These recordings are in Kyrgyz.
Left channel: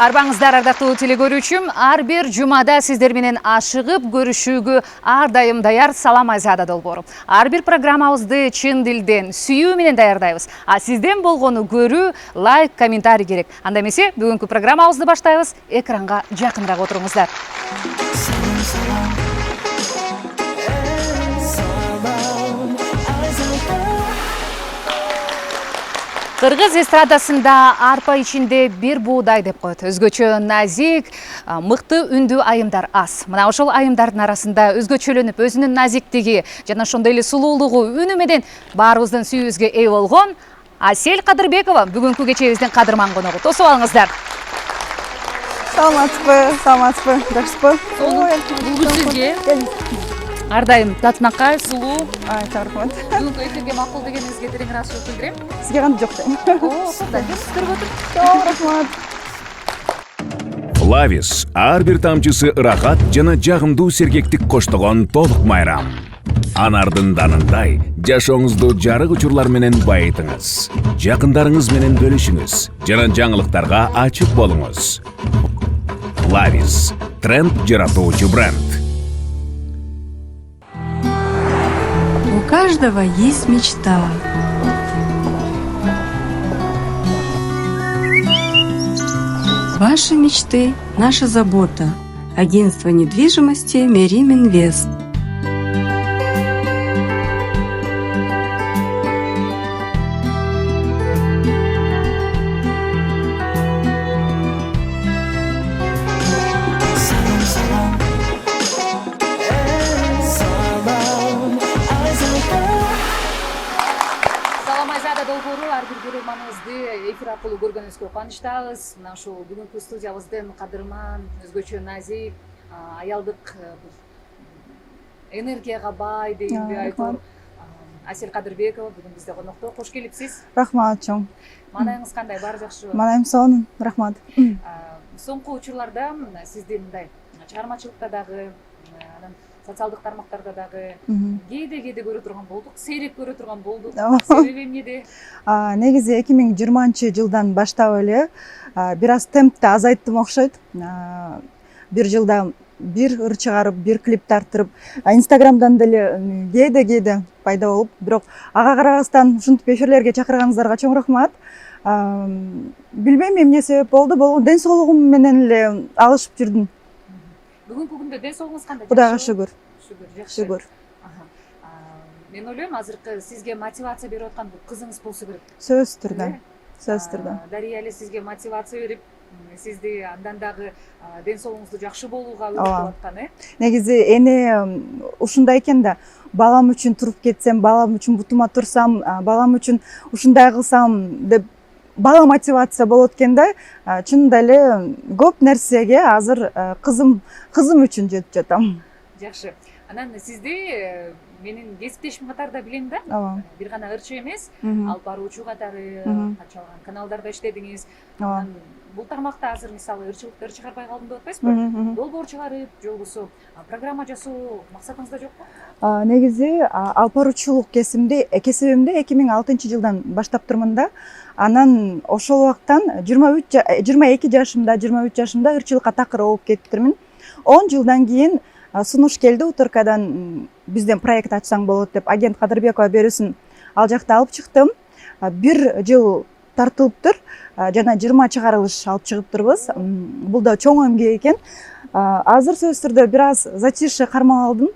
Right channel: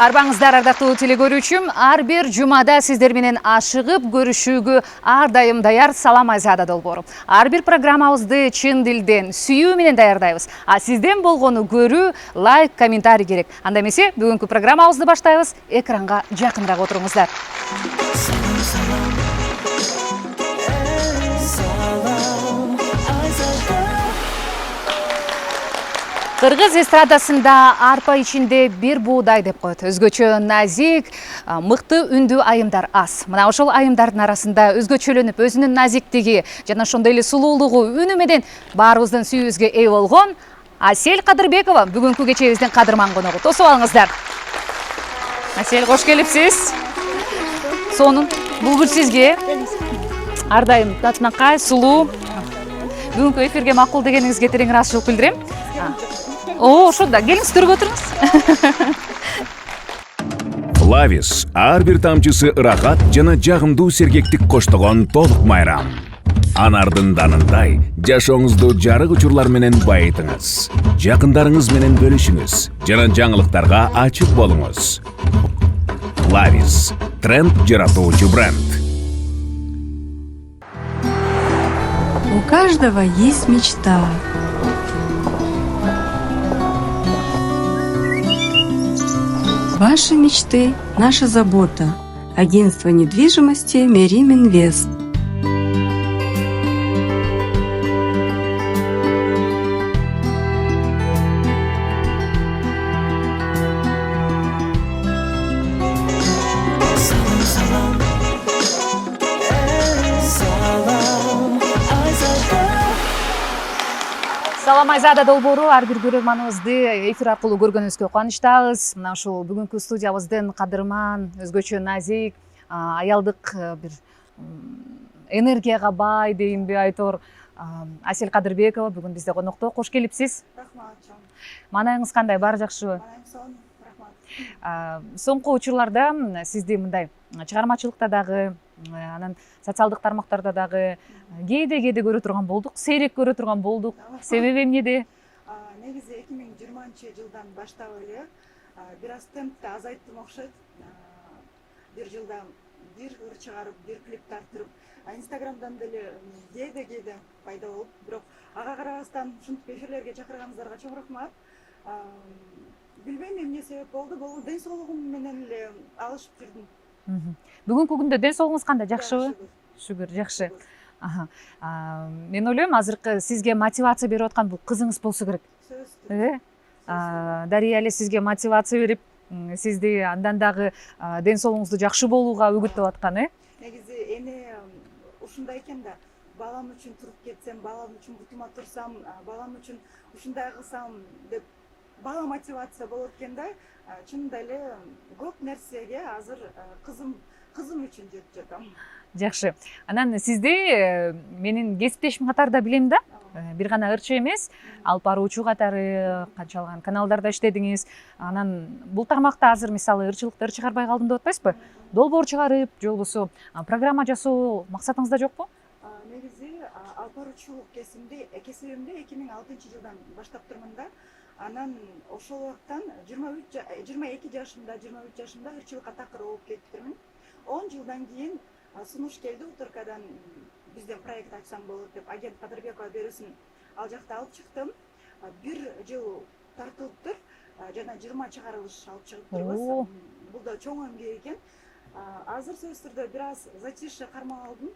Арбаңыздар ардактуу телекөрүүчүм, ар бир жумада сиздер менен ашыгып көрүшүүгө ар дайым даяр Салам Айзада долбоору. Ар бир программабызды чын дилден, сүйүү менен даярдайбыз. А сизден болгону көрүү, лайк, комментарий керек. Анда эмесе бүгүнкү программабызды баштайбыз. Экранга жакыныраак отуруңуздар. Кыргыз эстрадасында арпа ичинде бир буудай деп коет. Өзгөчө назик, мыкты үндүү айымдар аз. Мына ошол айымдардын арасында өзгөчөлөнүп, өзүнүн назиктиги жана ошондой эле сулуулугу үнү менен баарыбыздын сүйүүбүзгө ээ болгон Асель Кадырбекова бүгүнкү кечебиздин кадырман коногу. Тосуп алыңыздар. Асель, кош келипсиз. Саламатсызбы, жакшысызбы? Сонун, бул гүл сизге. Ар дайым татынакай, сулуу. Бүгүнкү эфирге макул дегениңизге терең ыраазычылык билдирем. Сизге кантип жок? Ушунда келиңиз көрүп отуруңуз. Лавис ар бир тамчысы ырахат жана жагымдуу сергектик коштогон толук майрам. Анардын данындай жашооңузду жарык учурлар менен байытыңыз. Жакындарыңыз менен бөлүшүңүз жана жаңылыктарга ачык болуңуз. Лавис тренд жаратуучу бренд. У каждого есть мечта. Ваши мечты – наша забота. Агентство недвижимости Мерим Инвест. Салам Айзада долбоору ар бир көрөрманыбызды эфир аркылуу көргөнүбүзгө кубанычтабыз. Мына ушул бүгүнкү студиябыздын кадырман, өзгөчө назик, аялдык бир энергияга бай дейинби айтор Асель Кадырбекова бүгүн бизде конокто. Кош келипсиз. Рахмат чоң. Маанайыңыз кандай? Баары жакшыбы? Маанайым сонун, рахмат. Соңку учурларда сизди мындай чыгармачылыкта дагы, анан социалдык тармактарда дагы кээде көрө турган болдук, сейрек көрө турган болдук. Себеби эмнеде? Негизи 2020-жылдан баштап эле бир аз темпти азайттым окшойт. Бир жылда бир ыр чыгарып, бир клип тартырып, Инстаграмдан деле кээде пайда болуп, бирок ага карабастан ушинтип эфирлерге чакырганыңыздарга чоң рахмат. Билбейм эмне себеп болду, ден соолугум менен эле алышып жүрдүм. Бүгүнкү күндө ден соолугуңуз кандай? Кудайга шүгүр. Шүгүр, жакшы. Мен ойлойм, азыркы сизге мотивация берип аткан бул кызыңыз болсо керек. Сөзсүз түрдө. Сөзсүз түрдө. Дария эле сизге мотивация берип, сизди андан дагы ден соолугуңузду жакшы болууга үгүттөп аткан, Негизи эне ушундай экен да, балам үчүн туруп кетсем, балам үчүн бутума турсам, балам үчүн ушундай кылсам деп бала мотивация болот экен да. Чынында эле көп нерсеге азыр кызым үчүн жетип жатам. Жакшы. Анан сизди менин кесиптешим катарында билем да. Бир гана ырчы эмес, алып баруучу катары канчалаган каналдарда иштедиңиз. Анан бул тармакта азыр мисалы ырчылыктарды чыгарбай калдым деп атпайсызбы? Долбоор чыгарып, же болбосо программа жасоо максатыңызда жокпу? Негизи алып баруучулук кесибимди 2006-жылдан баштап турмун да. Анан ошол убактан 22 жашымда ырчылыкка такыр болуп кетиптирмин. 10 жылдан кийин сунуш келди Уторкадан, бизден проект ачсаң болот деп, агент Кадырбекова берүүсүн ал жакта алып чыктым. Бир жыл тартылыптыр, жана 20 чыгарылыш алып чыгыптырбыз. Бул да чоң эмгек экен. Азыр сөзсүз түрдө бир аз затишье кармап алдым.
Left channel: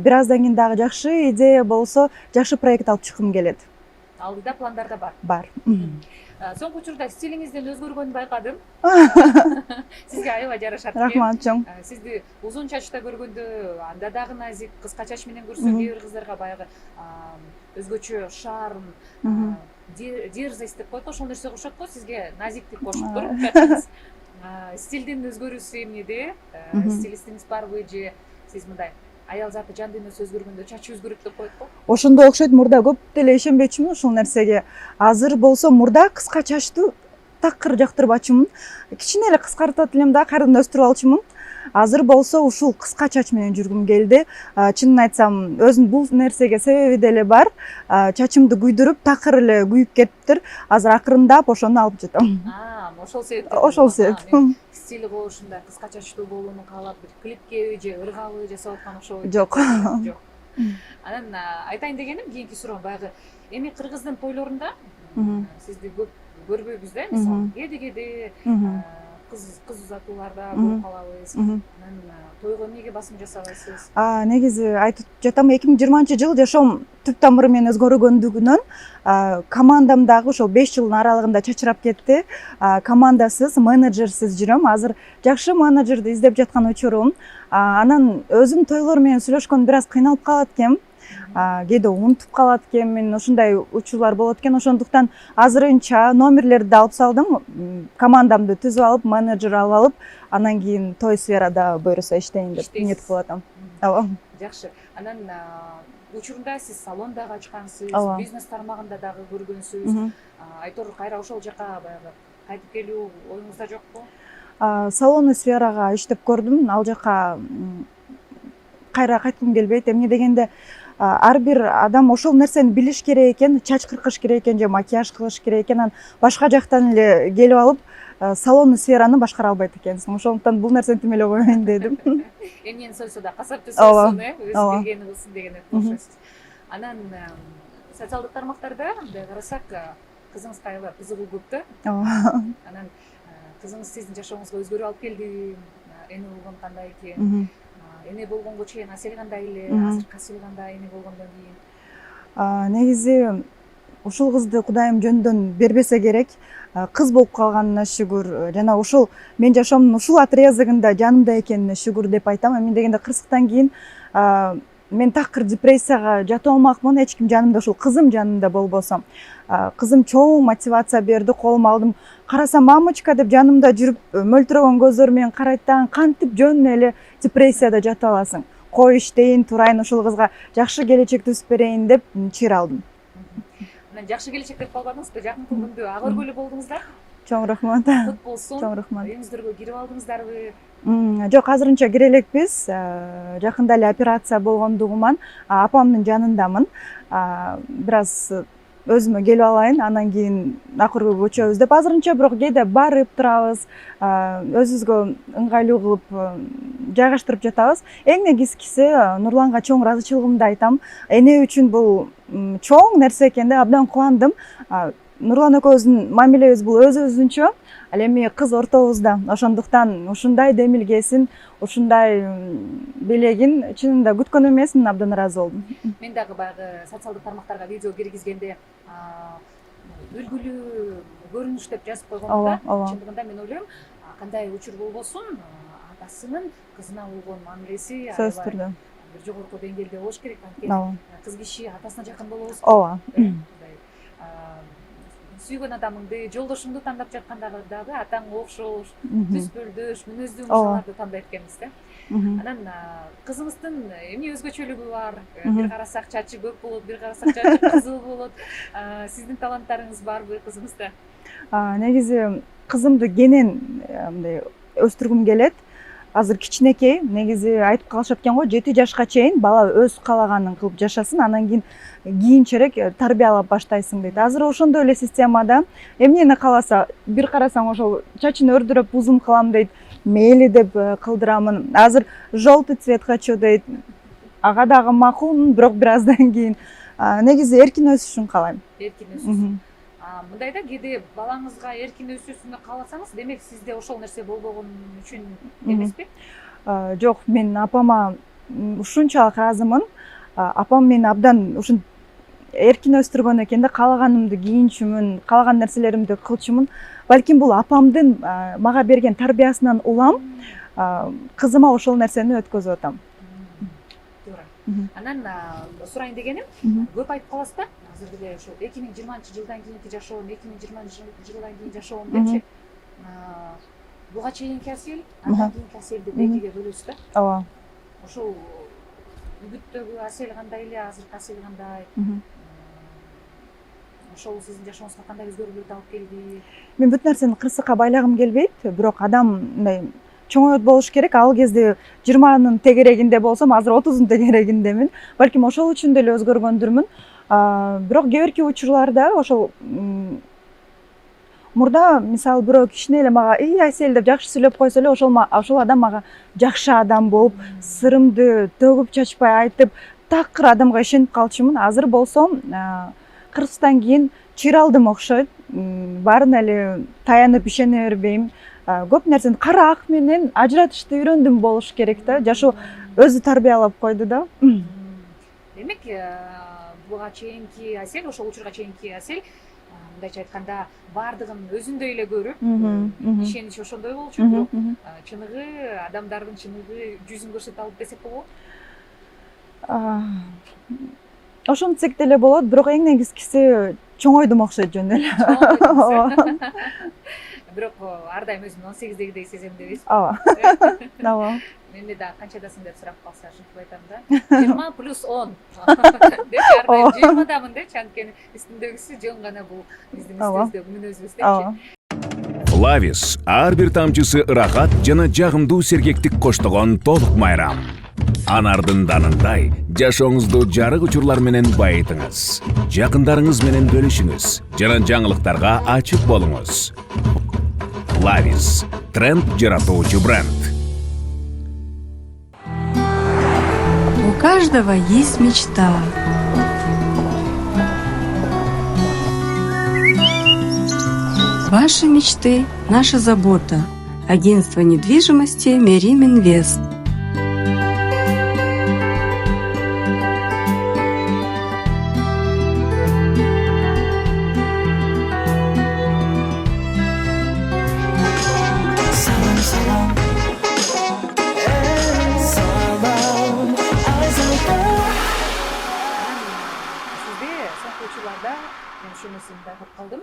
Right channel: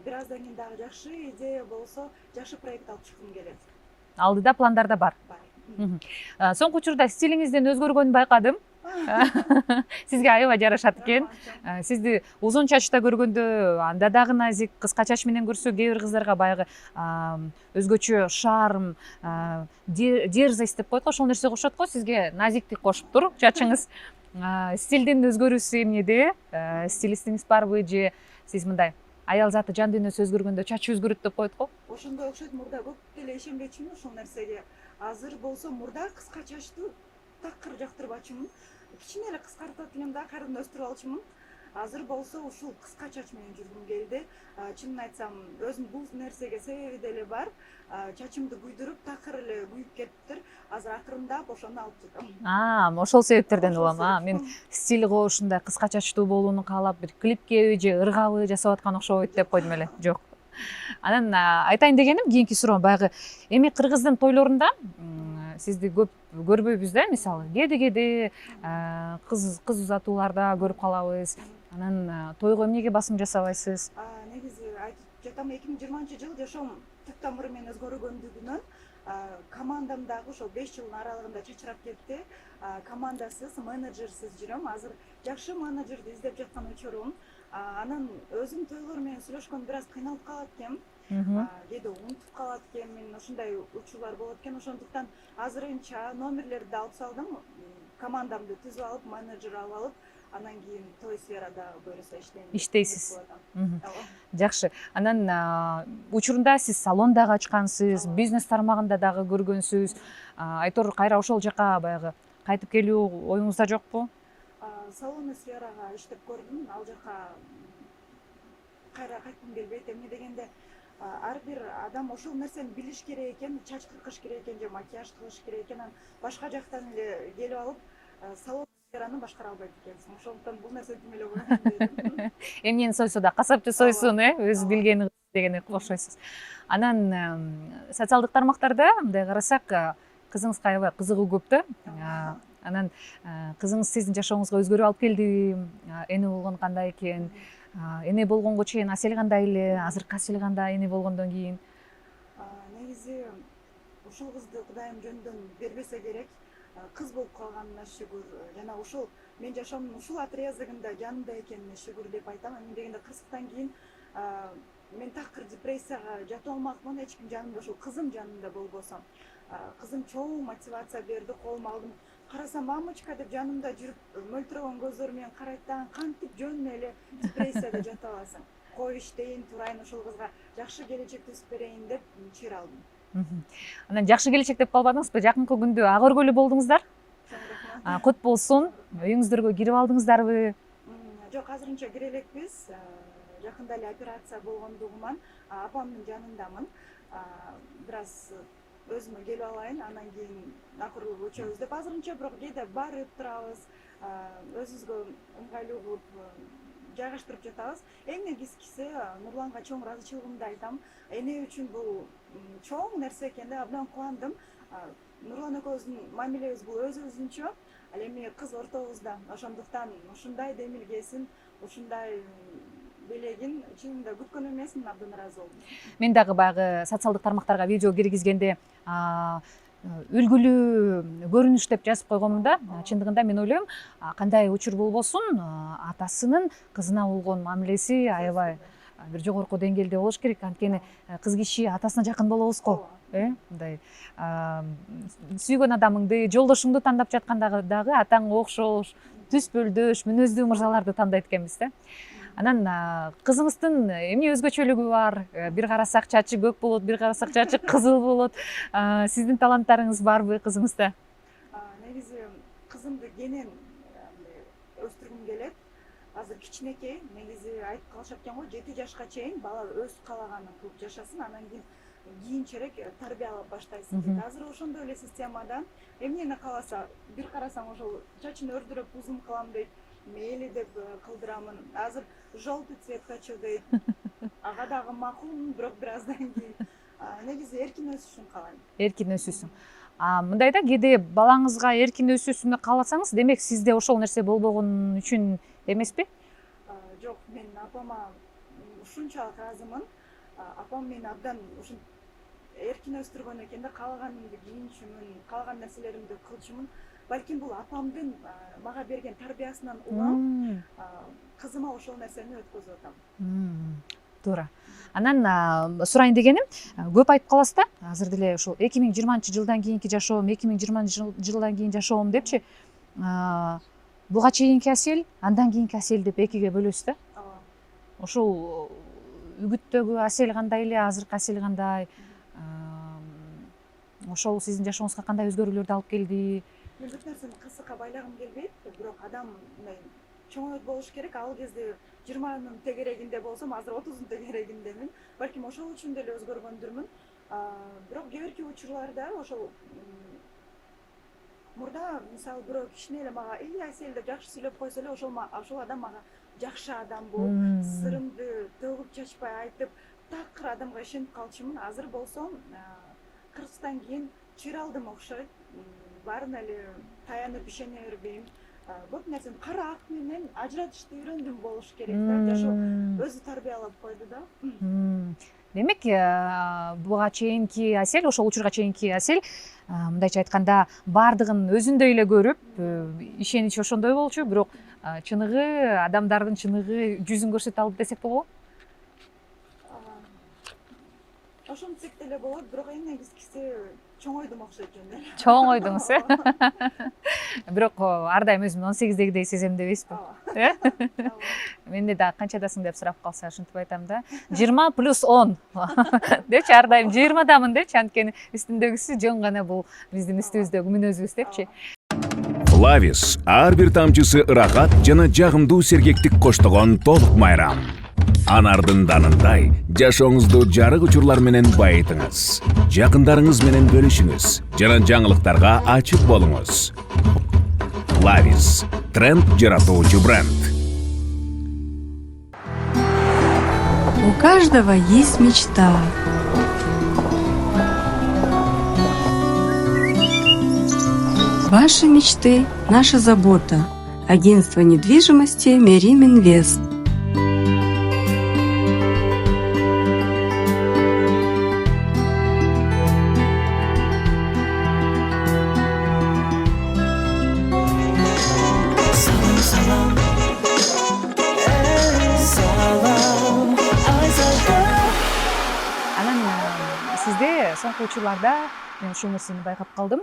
Бир аздан кийин дагы жакшы идея болсо, жакшы проект алып чыккым келет. Алдыда пландарда бар. Бар. Соңку учурда стилиңиздин өзгөргөнүн байкадым. Сизге аябай жарашат экен. Рахмат чоң. Сизди узун чачта көргөндө анда дагы назик, кыска чач менен көрсө кээ бир кыздарга баягы өзгөчө шарм, дерзость деп коет го, ошол нерсе кошот го. Сизге назиктик кошуптур чачыңыз. Стилдин өзгөрүүсү эмнеде? Стилистиңиз барбы же сиз мындай аял заты жан дүйнөсү өзгөргөндө чачы өзгөрөт деп коет го? Ошондой окшойт. Мурда көп деле ишенбечүмүн ушул нерсеге. Азыр болсо мурда кыска чачтуу такыр жактырбачумун. Кичине эле кыскартат элем да, кайрадан өстүрүп алчумун. Азыр болсо ушул кыска чач менен жүргүм келди. Чынын айтсам, өзүнүн бул нерсеге себеби деле бар. Чачымды күйдүрүп, такыр эле күйүп кетиптир. Азыр акырындап ошону алып жатам. Ошол себептерден Ошол улам. себеп. Мен стиль го ушундай кыска чачтуу болууну каалап, бир клипке же ыргабы жасап аткан окшойт деп Жок. койдум эле. Жок. Анан айтайын дегеним, кийинки суроо баягы эми кыргыздын тойлорунда сизди көп көрбөйбүз да, мисалы кээде кыз узатууларда көрүп калабыз. Анан тойго эмнеге басым жасабайсыз? Негизи айтып жатам, 2020 жыл жашоом түп тамыры менен өзгөргөндүгүнөн командамдагы ошол 5 жылдын аралыгында чачырап кетти. Командасыз, менеджерсиз жүрөм. Азыр жакшы менеджерди издеп жаткан учурум. Анан өзүм тойлор менен сүйлөшкөн бир аз кыйналып калат экенмин. Кээде унутуп калат экенмин, ушундай учурлар болот экен. Ошондуктан азырынча номерлерди алып салдым. Командамды түзүп алып, менеджер алып алып, анан кийин той сферада буюрса иштейин деп ниет кылып атам. Ооба. Жакшы. Анан учурунда сиз салон дагы ачкансыз, бизнес тармагында дагы көргөнсүз. Айтор кайра ошол жака баягы кайтып келүү оюңузда жокпу? Салондуу сферага иштеп көрдүм. Ал жака кайра кайткым келбейт. Эмне дегенде, ар бир адам ошол нерсени билиш керек экен, чач кыркыш керек экен же макияж кылыш керек экен. Анан башка жактан эле келип алып, салондуу сфераны башкара албайт экенсиң. Ошондуктан бул нерсени тимелеп койоюн дедим. Эмнени сойсо да касапчы сойсун, өзү билгени кылсын дегенге окшойсуз. Анан социалдык тармактарда мындай карасак, кызыңызга аябай кызыгуу көп да. Анан кызыңыз сиздин жашооңузга өзгөрүү алып келди. Эне болгон кандай экен? Эне болгонго чейин Асель кандай эле, азыркы Асель кандай эне болгондон кийин? Негизи ушул кызды Кудайым жөндөн бербесе керек. Кыз болуп калганына шүгүр. Жана ушул мен жашоомдун ушул отрезогунда жанымда экенине шүгүр деп айтам. Эмне дегенде, кырсыктан кийин мен такыр депрессияга жатып алмакмын, эч ким жанымда, ушул кызым жанымда болбосо. Кызым чоң мотивация берди, колума алдым. Карасам, мамочка деп жанымда жүрүп, мөлтүрөгөн көздөр менен карайт да, кантип жөн эле депрессияда жатып аласың. Кой иштейин, турайын, ушул кызга жакшы келечек түзүп берейин деп чыйыр алдым. Анан жакшы келечек деп калбадыңызбы? Жакынкы күндө ак өргөлүү болдуңуздар. Чоң рахмат. Кут болсун. Чоң рахмат. Үйүңүздөргө кирип алдыңыздарбы? Жок, азырынча кире элекпиз. Жакында эле операция болгондугуман апамдын жанындамын. Бир аз өзүмө келип алайын, анан кийин ак өргөгө көчөбүз деп азырынча, бирок кээде барып турабыз, өзүбүзгө ыңгайлуу кылып жайгаштырып жатабыз. Эң негизгиси Нурланга чоң ыраазычылыгымды айтам. Эне үчүн бул чоң нерсе экен да, абдан кубандым. Нурлан экөөбүздүн мамилебиз бул өзүнчө. Ал эми кыз ортобузда. Ошондуктан ушундай демилгесин, ушундай белегин чынында күткөн эмесмин, абдан ыраазы болдум. Мен дагы баягы социалдык тармактарга видео киргизгенде үлгүлүү көрүнүш деп жазып койгонмун да. Чындыгында мен ойлойм, кандай учур болбосун, атасынын кызына болгон мамилеси аябай бир жогорку деңгээлде болуш керек. Анткени кыз киши атасына жакын болобуз го. Мындай сүйгөн адамыңды, жолдошуңду тандап жатканда дагы атаңга окшош, түз бөлдөш, мүнөздүү мырзаларды тандайт экенбиз да. Анан кызыңыздын эмне өзгөчөлүгү бар? Бир карасак чачы көк болот, бир карасак чачы кызыл болот. Сиздин таланттарыңыз барбы кызыңызда? Негизи кызымды кенен мындай өстүргүм келет. Азыр кичинекей, негизи айтып калышат экен го, 7 жашка чейин бала өз каалаганын кылып жашасын, анан кийин кийинчерээк тарбиялап баштайсың дейт. Азыр ошондой эле системада эмнени кааласа, бир карасаң ошол чачын өрдүрөп узун кылам дейт, мейли деп кылдырамын. Азыр желтый цвет хочу дейт. Ага дагы макулмун, бирок бир аздан кийин негизи эркин өсүшүн каалайм. Эркин өсүшүн. Мындайда кээде балаңызга эркин өсүүсүн кааласаңыз, демек сизде ошол нерсе болбогон үчүн эмеспи? Жок, мен апама ушунчалык ыраазымын. Апам мени абдан ушун эркин өстүргөн экен да, каалаганымды кийинчүмүн, каалаган нерселеримди кылчумун. Балким бул апамдын мага берген тарбиясынан улам, кызыма ошол нерсени өткөзүп атам. Туура. Анан сурайын дегеним, көп айтып каласыз да, азыр деле ушул 2020 жылдан кийинки жашоом, 2020 жылдан кийин жашоом депчи, буга чейинки Асель, андан кийинки Асель деп экиге бөлөсүз да. Ооба. Ошол үгүттөгү Асель кандай эле, азыркы Асель кандай? ошол сиздин жашооңузга кандай өзгөрүүлөрдү алып келди? Мен бүт нерсени кырсыкка байлагым келбейт, бирок адам мындай чоңойот болуш керек. Ал кезде 20-нын тегерегинде болсом, азыр 30-дун тегерегиндемин. Балким ошол үчүн деле өзгөргөндүрмүн. Бирок кээ бирки учурларда ошол мурда мисалы бирөө кичине эле мага Айсел деп жакшы сүйлөп койсо эле ошол адам мага жакшы адам болуп, сырымды төгүп чачпай айтып, такыр адамга ишенип калчумун. Азыр болсом 40 кийин чыйралдым окшойт. Баарын эле таянып ишене бербейм. Көп нерсени кара ак менен ажыратышты үйрөндүм болуш керек да. Жашоо өзү тарбиялап койду да. Демек, буга чейинки Айсел, ошол учурга чейинки Айсел, мындайча айтканда, бардыгын өзүндөй эле көрүп, ишенич ошондой болчу, бирок чыныгы, адамдардын чыныгы жүзүн көрсөтө алып десек болобу? Ошентсек деле болот, бирок эң негизгиси чоңойдум окшойт жөн эле. Чоңойдуңуз, бирок ар дайым өзүмдү 18дегидей сезем дебейсизби? Ооба. Ооба. Менде да канчадасың деп сурап калса ушинтип айтам да. 20 плюс 10 депчи, ар дайым 20дамын депчи, анткени үстүндөгүсү жөн гана бул биздин үстүбүздөгү мүнөзүбүз депчи. Флавис ар бир тамчысы ырахат жана жагымдуу сергектик коштогон толук майрам. Анардын данындай жашооңузду жарык учурлар менен байытыңыз. Жакындарыңыз менен бөлүшүңүз жана жаңылыктарга ачык болуңуз. Флавис тренд жаратуучу бренд. У каждого есть мечта. Ваши мечты – наша забота. Агентство недвижимости Мерим Инвест. Соңку учурларда мен ушул нерсени байкап калдым.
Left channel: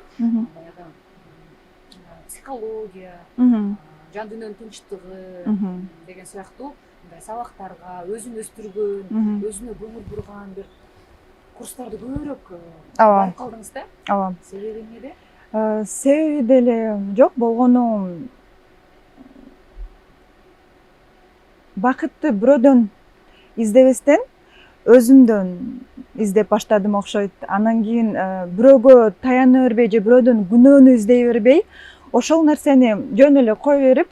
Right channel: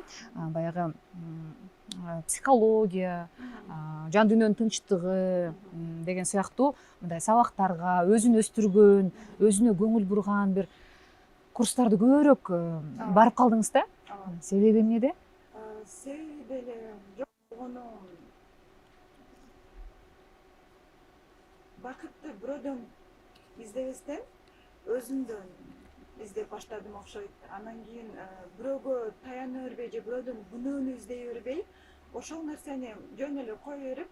Баягы психология, жан дүйнөнүн тынчтыгы деген сыяктуу мындай сабактарга өзүн өстүргөн, өзүнө көңүл бурган бир курстарды көбүрөөк барып калдыңыз да? Ооба. Себеби эмнеде? Себеби деле жок, болгону бакытты бирөөдөн издебестен өзүмдөн издеп баштадым окшойт. Анан кийин бирөөгө таяна бербей же бирөөдөн күнөөнү издей бербей, ошол нерсени жөн эле кое берип,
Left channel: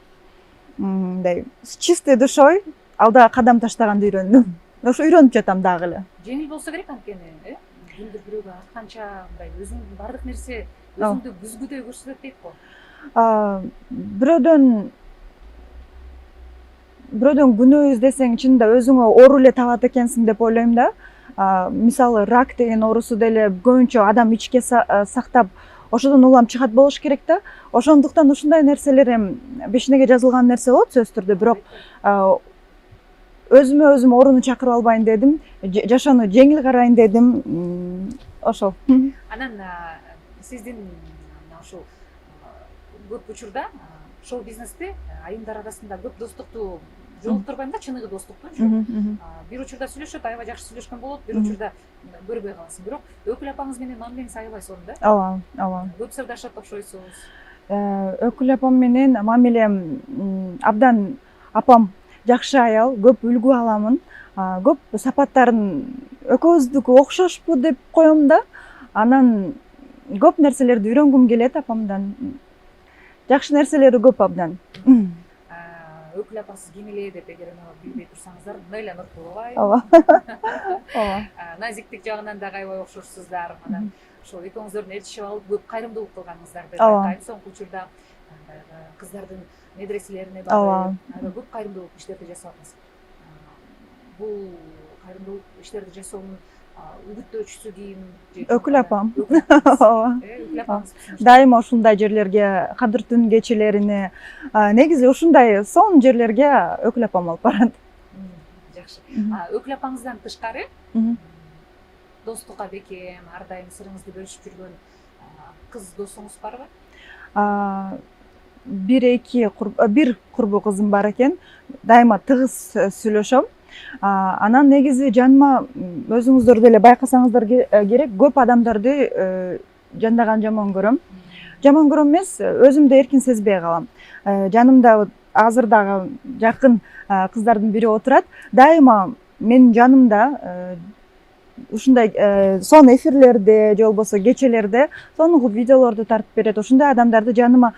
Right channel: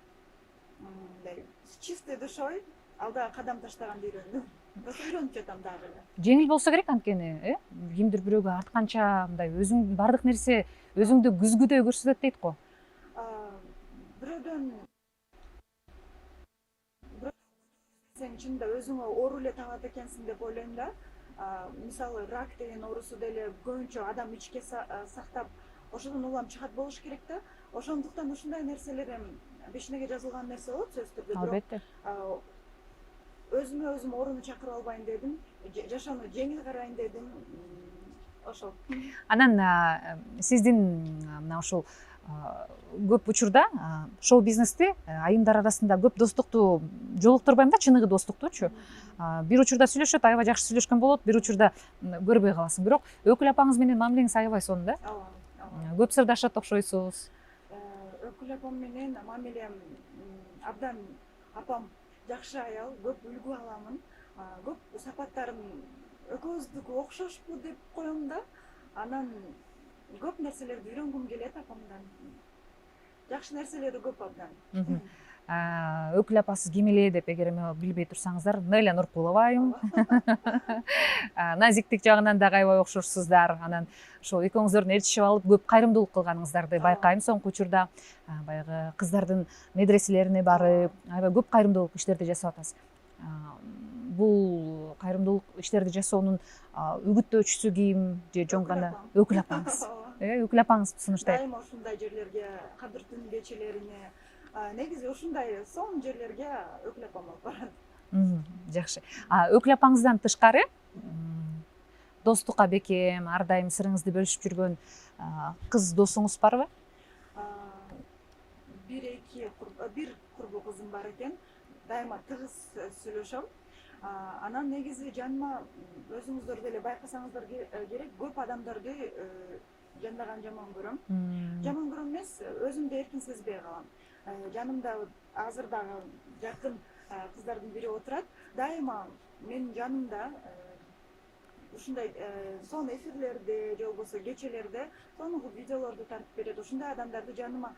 мындай с чистой душой алдыга кадам таштаганды үйрөндүм. Ошо үйрөнүп жатам дагы эле. Жеңил болсо керек анткени, кимдир бирөөгө артканча мындай өзүң бардык нерсе өзүңдү күзгүдөй көрсөтөт дейт го. Бирөөдөн күнөө издесең чынында өзүңө оору эле табат экенсиң деп ойлойм да. Мисалы рак деген оорусу деле көбүнчө адам ичке сактап ошодон улам чыгат болуш керек да. Ошондуктан ушундай нерселер бешинеге жазылган нерсе болот сөзсүз түрдө, бирок өзүмө өзүм ооруну чакырып албайын дедим, жашоону жеңил карайын дедим. Ошол. Анан сиздин мына ушул көп учурда шоу бизнесте айымдар арасында көп достукту жолуктурбайм да, чыныгы достуктучу. Бир учурда сүйлөшөт, аябай жакшы сүйлөшкөн болот, бир учурда көрбөй каласың. Бирок өкүл апаңыз менен мамилеңиз аябай сонун да? Ооба, ооба. Көп сырдашат окшойсуз. Өкүл апам менен мамилем абдан, апам жакшы аял, көп үлгү аламын. Көп сапаттарын экөөбүздүкү окшошпу деп коем да. Анан көп нерселерди үйрөнгүм келет апамдан. Жакшы нерселери көп абдан. Өкүл апасыз ким эле деп эгер билбей турсаңыздар, Неля Нуркулова. Ооба. Назиктик жагынан да аябай окшошсуздар. Анан ошол экөөңүздөрдүн ээрчишип алып көп кайрымдуулук кылганыңыздарды байкайм соңку учурда. Баягы кыздардын медреселерине барып, аябай көп кайрымдуулук иштерди жасап атасыз. Бул кайрымдуулук иштерди жасоонун үгүттөөчүсү ким? Өкүл апам. Өкүл апаңыз. Өкүл апаңыз дайыма ушундай жерлерге, кадыр түн кечелерине, негизи ушундай сонун жерлерге өкүл апам алып барат. Жакшы. Өкүл апаңыздан тышкары достукка бекем, ар дайым сырыңызды бөлүшүп жүргөн кыз досуңуз барбы? Бир курбу кызым бар экен. Дайыма тыгыз сүйлөшөм. Анан негизи жаныма өзүңүздөр деле байкасаңыздар керек, көп адамдарды жандаган жаман көрөм. Жаман көрөм эмес, өзүмдү эркин сезбей калам. Жанымда азыр дагы жакын кыздардын бири отурат. Дайыма менин жанымда ушундай сон эфирлерде же болбосо кечелерде сонун видеолорду тартып берет. Ушундай адамдарды жаныма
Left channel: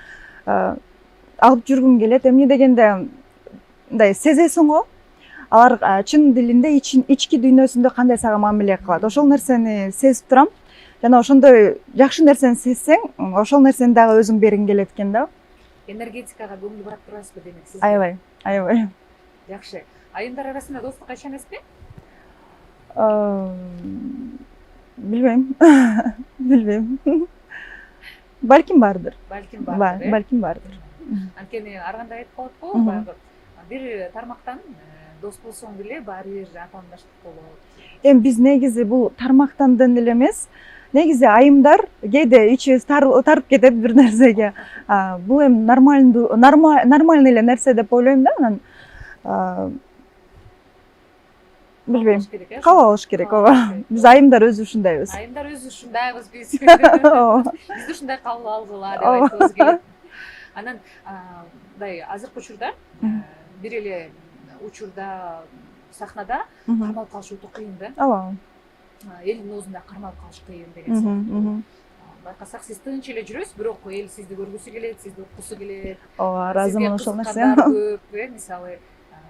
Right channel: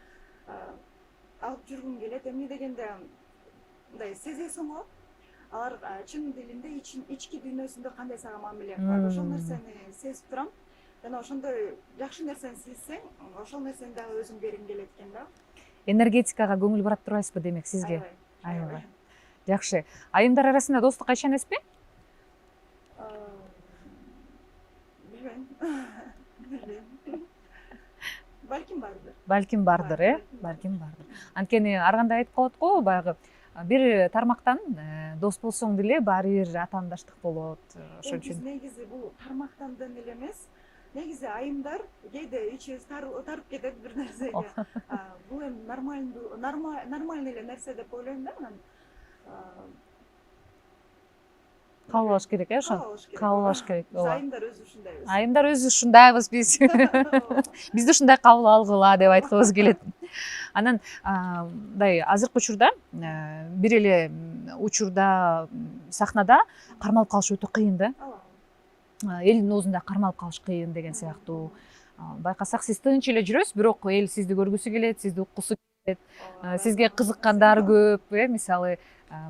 алып жүргүм келет. Эмне дегенде мындай сезесиң го, алар чын дилинде ички дүйнөсүндө кандай сага мамиле кылат. Ошол нерсени сезип турам. Жана ошондой жакшы нерсени сезсең, ошол нерсени дагы өзүң бергиң келет экен да. Энергетикага көңүл бурат турасызбы демек сизге? Аябай. Жакшы. Айымдар арасында достук кайчан эмеспи? Билбейм. Балким бардыр. Балким бардыр, Балким бардыр. Анткени ар кандай айтып коет го, баягы бир тармактан дос болсоң деле баары бир атаандаштык болот. Эми биз негизи бул тармактандан эле эмес, негизи айымдар кээде ичибиз тарып кетет бир нерсеге. Бул эми нормальный эле нерсе деп ойлойм да. Анан Кабыл алыш керек, э? Кабыл алыш керек, ооба. Биз айымдар өзү ушундайбыз. Айымдар өзү ушундайбыз биз. Бизди ушундай кабыл алгыла деп айткыбыз келет. Анан мындай азыркы учурда бир эле учурда сахнада кармалып калыш өтө кыйын да. Ооба. Элдин оозунда кармалып калыш кыйын деген сыяктуу. Байкасак сиз тынч эле жүрөсүз, бирок эл сизди көргүсү келет, сизди уккусу келет. Сизге кызыккандар көп, мисалы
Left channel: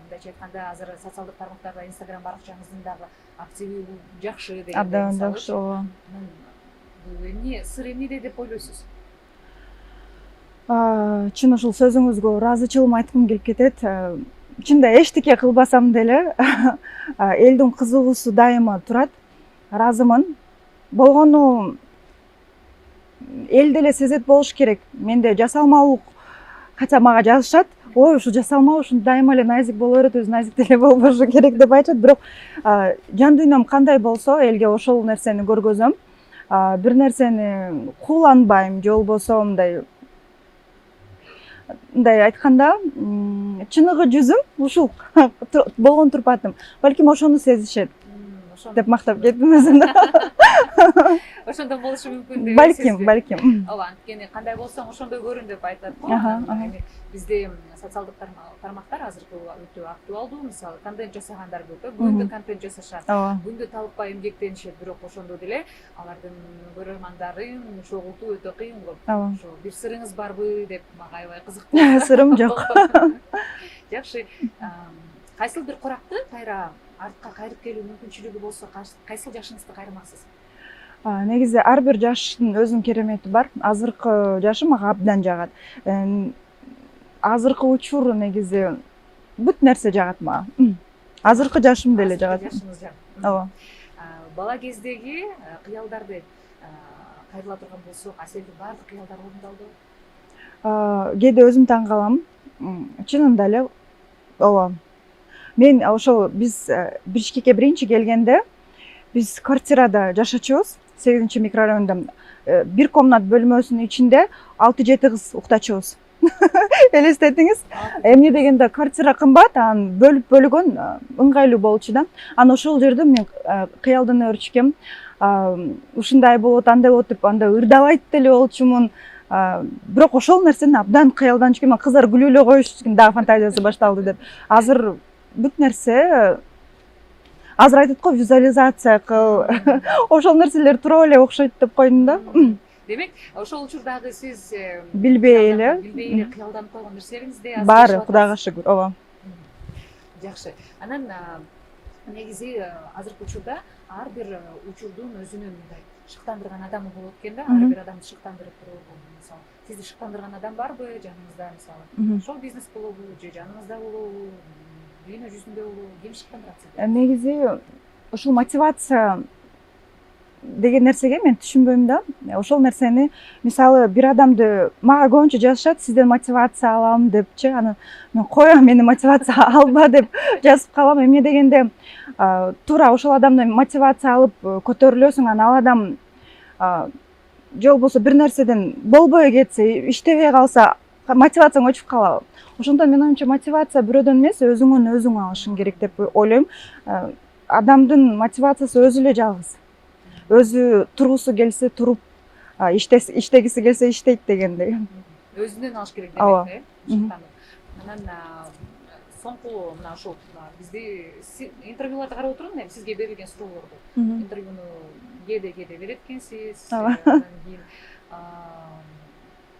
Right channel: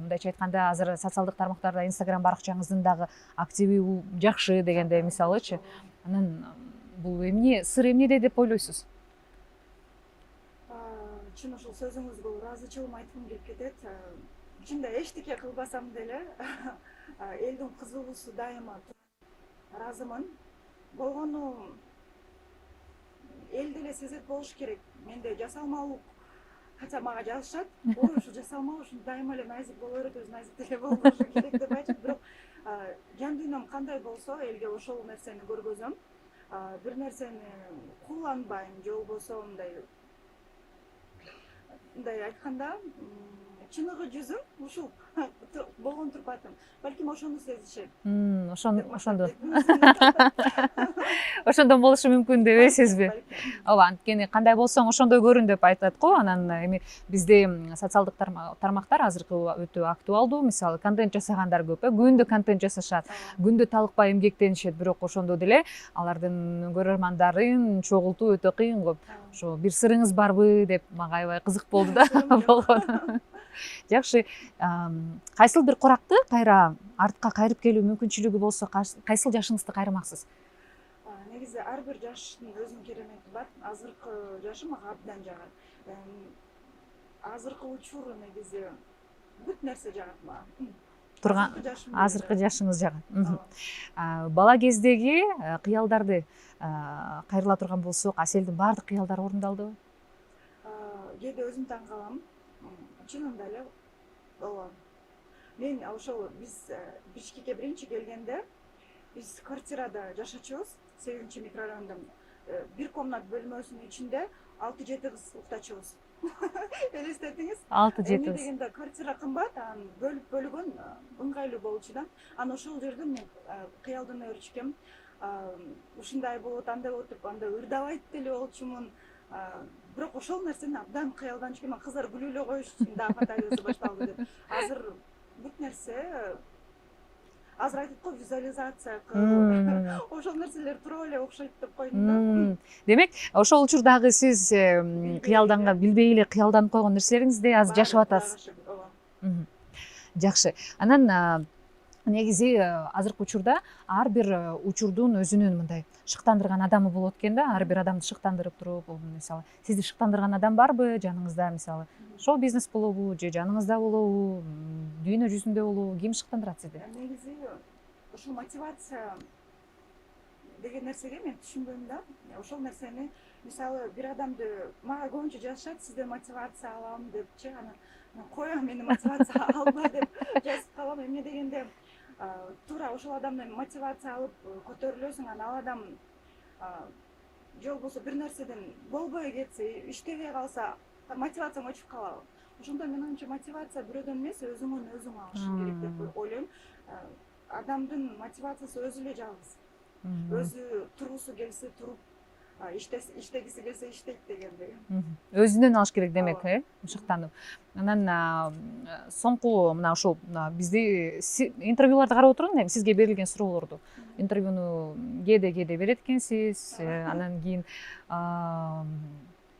мындайча айтканда азыр социалдык тармактарда Instagram баракчаңыздын дагы активи жакшы дегенде мисалычы. Анан бул эмне сыр эмнеде деп ойлойсуз? Чын ушул сөзүңүзгө ыраазычылыгым айткым келип кетет. Чында эчтеке кылбасам деле элдин кызыгуусу дайыма турат. Ыраазымын. Болгону эл деле сезет болуш керек. Менде жасалмалык, хотя мага жазышат, ой, ушу жасалма, ушун дайыма эле назик боло берет, өзү назик деле болбошу керек деп айтышат. Бирок жан дүйнөм кандай болсо, элге ошол нерсени көргөзөм. Бир нерсени кууланбайм, же болбосо мындай айтканда, чыныгы жүзүм ушул болгон турпатым. Балким ошону сезишет деп мактап кеттим өзүмдү. Ошондон болушу мүмкүн деп эсизби? Балким. Ооба, анткени кандай болсоң ошондой көрүн деп айтат го. Анан эми бизде социалдык тармактар азыркы өтө актуалдуу. Мисалы, контент жасагандар көп, күндө контент жасашат, күндө талыкпай эмгектенишет, бирок ошондо деле алардын көрөрмандарын чогултуу өтө кыйын го. Ошо бир сырыңыз барбы деп мага аябай кызык болду. Сырым жок. Жакшы. Кайсыл бир коракты кайра артка кайрып келүү мүмкүнчүлүгү болсо, кайсыл жашыңызды кайрымаксыз? Негизи ар бир жаштын өзүнүн керемети бар. Азыркы жашым мага абдан жагат. Азыркы учур негизи бүт нерсе жагат мага. Азыркы жашым деле жагат. Азыркы жашыңыз жагат. Ооба. Бала кездеги кыялдарды кайрыла турган болсок, Аселдин баардык кыялдары орундалдыбы? Кээде өзүм таң калам. Чынында эле ооба. Мен ошол биз Бишкекке биринчи келгенде биз квартирада жашачубуз, 8 микрорайондо. Бир комнат бөлмөсүнүн ичинде 6-7 кыз уктачубуз. Элестетиңиз? Эмне дегенде квартира кымбат, анан бөлүп бөлгөн ыңгайлуу болчу да. Анан ошол жерде мен кыялдан өрчүкөм. Ушундай болот, андай болот деп анда ырдабайт деле болчумун. Бирок ошол нерсени абдан кыялдан чыккан, кыздар күлүп эле коюшкан, дагы фантазиясы башталды деп. Азыр бүт нерсе азыр айтат го, визуализация кыл. Ошол нерселер тура эле окшойт деп койдум да. Демек, ошол учурдагы сиз билбей эле кыялданып койгон нерселериңизди азыр бар, жашап атасыз. Кудайга шүгүр. Ооба. Жакшы. Анан негизи азыркы учурда ар бир учурдун өзүнүн мындай шыктандырган адамы болот экен да. Ар бир адамды шыктандырып туруп, мисалы, сизди шыктандырган адам барбы жаныңызда, мисалы? Шоу бизнес болобу, же жаныңызда болобу, дүйнө жүзүндө болобу, ким шыктандырат сизди? Негизи ушул мотивация деген нерсеге мен түшүнбөйм да. Ошол нерсени, мисалы, бир адамды мага көбүнчө жазышат, сизден мотивация алам депчи. Анан мен коем, мени мотивация алба деп жазып калам. Эмне дегенде туура ошол адамдан мотивация алып көтөрүлөсүң, анан ал адам же болбосо бир нерседен болбой кетсе, иштебей калса, мотивацияң өчүп калабы. Ошондон мен оюмча мотивация бирөөдөн эмес, өзүңөн өзүң алышың керек деп ойлойм. Адамдын мотивациясы өзү эле жалгыз. Өзү тургусу келсе туруп, иштегиси келсе иштейт дегендей. Өзүнөн алыш керек Ооба. демек, ушуктанып. Анан соңку мына ушул бизди интервьюларды карап отурдум, эми сизге берилген суроолорду. Интервьюну кээде берет экенсиз. Анан кийин